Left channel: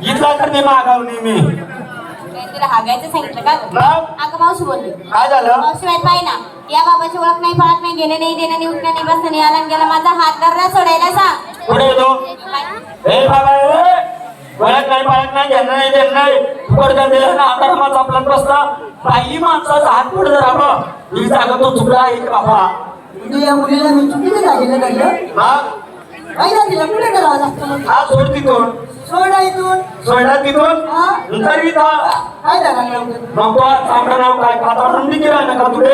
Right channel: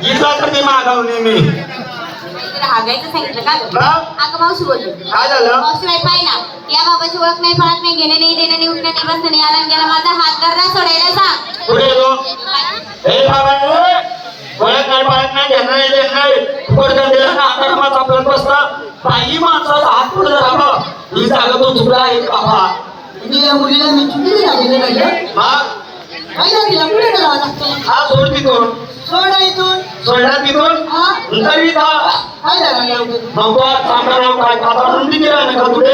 इथला तर मी मागावली मी हागायचं सांगितलं का अगं मावशी बोलली काय झालं मावशी बाई पाय ना या बाबाची ओळख नाही पाळत नाही घेणे नाही देणे नाही उठणे नाही बसणे नाही आला गेला माझा हात धरला सोडायला सांग पुढे येतो हे बाबा ओळख नाही पाळत नाही घेणं नाही देणं नाही फुकट दिला ना धर्मात आपला बसला बाई माणसाचा हात पुढे धरावा ही जागा तो चुकला आहे बाबा म्हणजे या मुलीला मी चुकीने झालेलं नाही हा काय ना तिला पुढे करावं लागतं हा सोड तिथून सोडा इथून सोडा तिथून हा तरी का काय झालं लावतो मग चांगला नाव काय खाता रुंदी दिला ना का तुले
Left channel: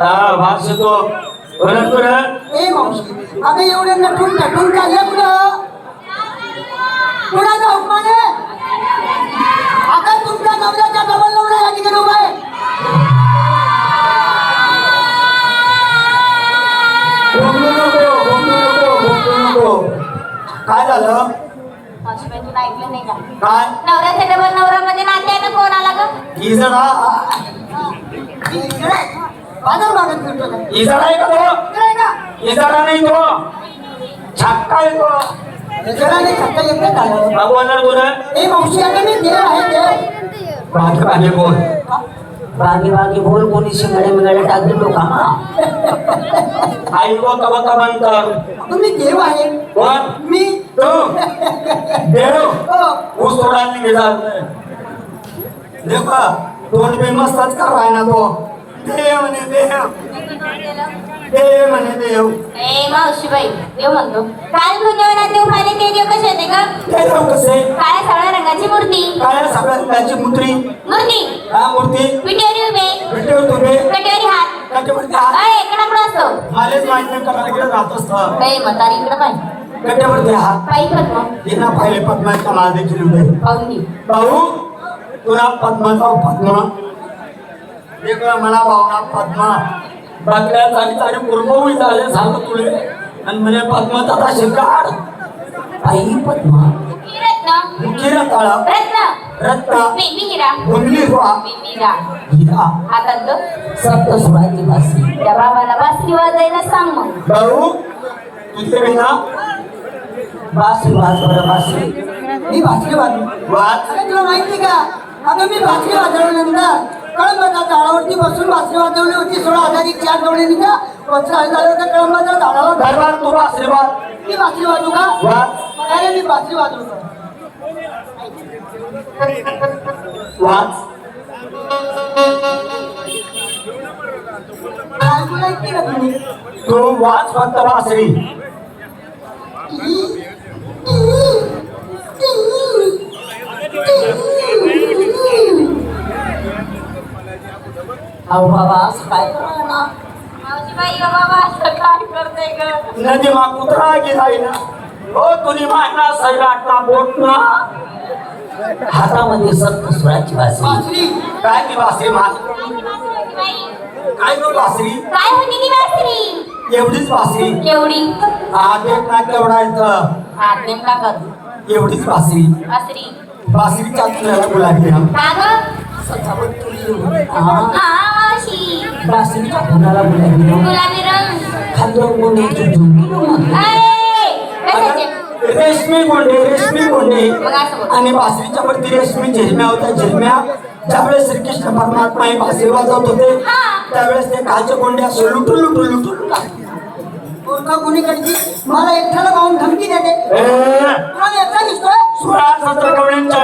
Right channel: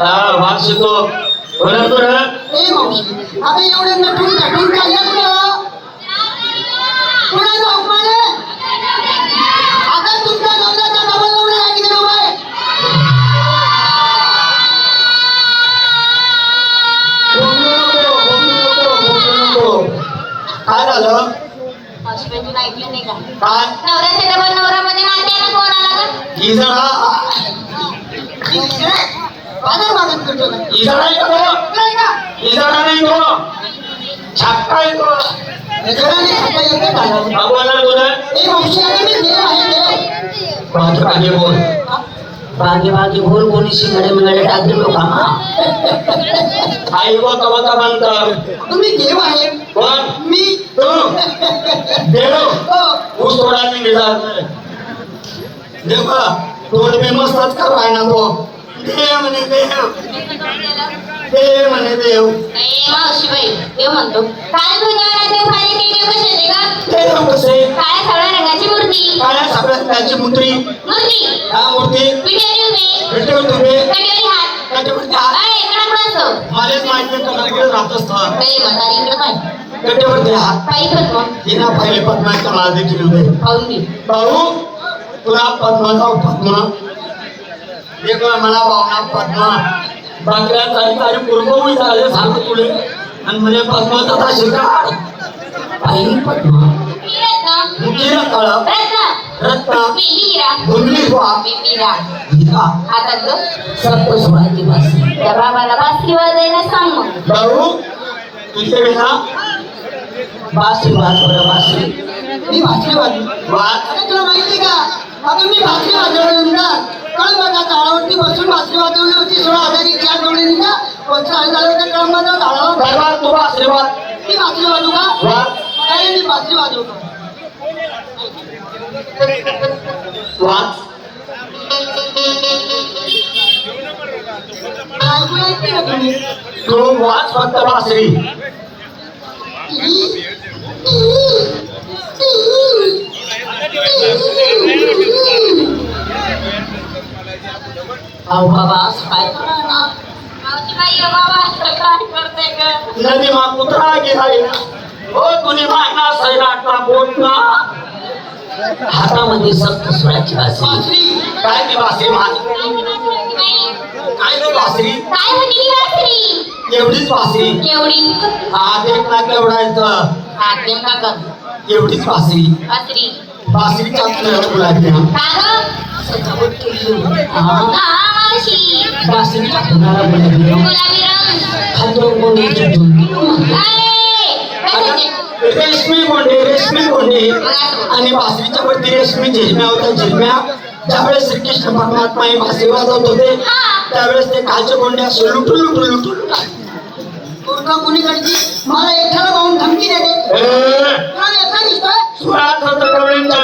हा वास येतो बरं बरं ए मावशी आता एवढे नटून नटून चाललं कुठं कुणा जाऊ माने अगं तुमच्या नवऱ्याचा डबल नवरा या ठिकाणी उभा आहे काय झालं मावशी बाई तुला ऐकलं नाही का काय नवऱ्याच्या डबल नवऱ्यामध्ये नात्यानं कोण आला का ही जरा बाजार बागत फिरतो का इजाडा आहे का तो काय का इजाडा नाही तो छक्का आहे तो जगाने खाता येते का का बोलणार तुला ए मावशी अगं मी देव आहे देव बागे बागे बोल बागे बागे बोल कोणी शिंगाड्या मिंगाड्या टाक दिलो का आई व कवा म्हणतात तुम्ही देव आहे कोण मी तू देव हो ऊस तोडा निघाला देव का तोड मी मस्तच कराय ना तो देव म्हणे देव म्हणे देव ए मावशी बाई देव म्हणतो काल भुंजवणार देव खाली ते देव कसे होते का ते देव कसे काळ्या सावळ्या रंगाची मूर्ती काळ्या सगळ्यात त्याची मुद्री मूर्ती हा मूर्ती पिठेरी उभे भेटेल तुम्ही कटेरी हात त्याच्यावरती हात अय इकडं असतो मलाच माहित नाही कलाकडे राहत असतं ए म्हातारी इकडं पाय गड्ड्यावरती हात पायी पद्म हिना पाहिले पद्माच्या नाव देखील उभे पाहून घे भाऊ तुला पद्माचा पद्मा देखला मला भावना पद्मा बाकड्या चाली चाली कुरमवळी झाले सांगतो तुले आणि म्हणे पद्माचा आता शिकार आई पद्मा रत्न मुखीला काळा रत्न रत्न मेली हिरा गुंडली वा मीरा हिरा हातात ग सप्तस्वराची भाषी त्या बाबाला बासरी वाजायला सांग मग भाऊ तुझे बिना बासरी वाज बरं बासरी मी भासरी वाजलो वाच अरे तुला माहिती का अगं मी भासरी वाजवल्यानंतर कळंबाच्या झाडावरती बसून भासरी वाजवली होती 16,000 चार जोडीने का 15 झालं होतं कळंबाच्या झाडावर घरवार तुला आशीर्वाद मी भासरी वाजवू का वाच काय मी भासरी वाजवू का वाच ऐकून ऐकते का तुम्ही तू वाच फक्त बासरी अहो बाबा असं काय करा ना मावशी बाई ओ बाबा असं काय करते ग नदी मा कुत्रा गेला ना हो तुनी मायना सैराटला बोट ना हातामध्ये सप्तस्वराची भाषी बासरी काय ती बासरी माझ काय ती बासरी काय होती ती बासरी एवढीच बासरी एवढी देख ना केवढायचं हात नेमका कर एवढीच बासरी बासरी बासरीच्या तुला गुलाबी ना का ग सजावट केली हा मावशी बासरीच्या फुलाला गुलाबी रंग गुलाबी रंग खांदो गोंड्याची झुंकी अरे कशाचे रेशमी गोंडे आणि बासरीच्या वरती रेशमी झिरम्या होत्या झिरम्या ज्यावेळेस श्रीकृष्ण परमात्मा हे बासरी वाजवत होते त्यावेळेस ते कालचे गोंडे असे लुटून पोरका कोणीकडची मला एकट्याला पाहून धमकी देते ए तुला एकटा दिसतोय सुराज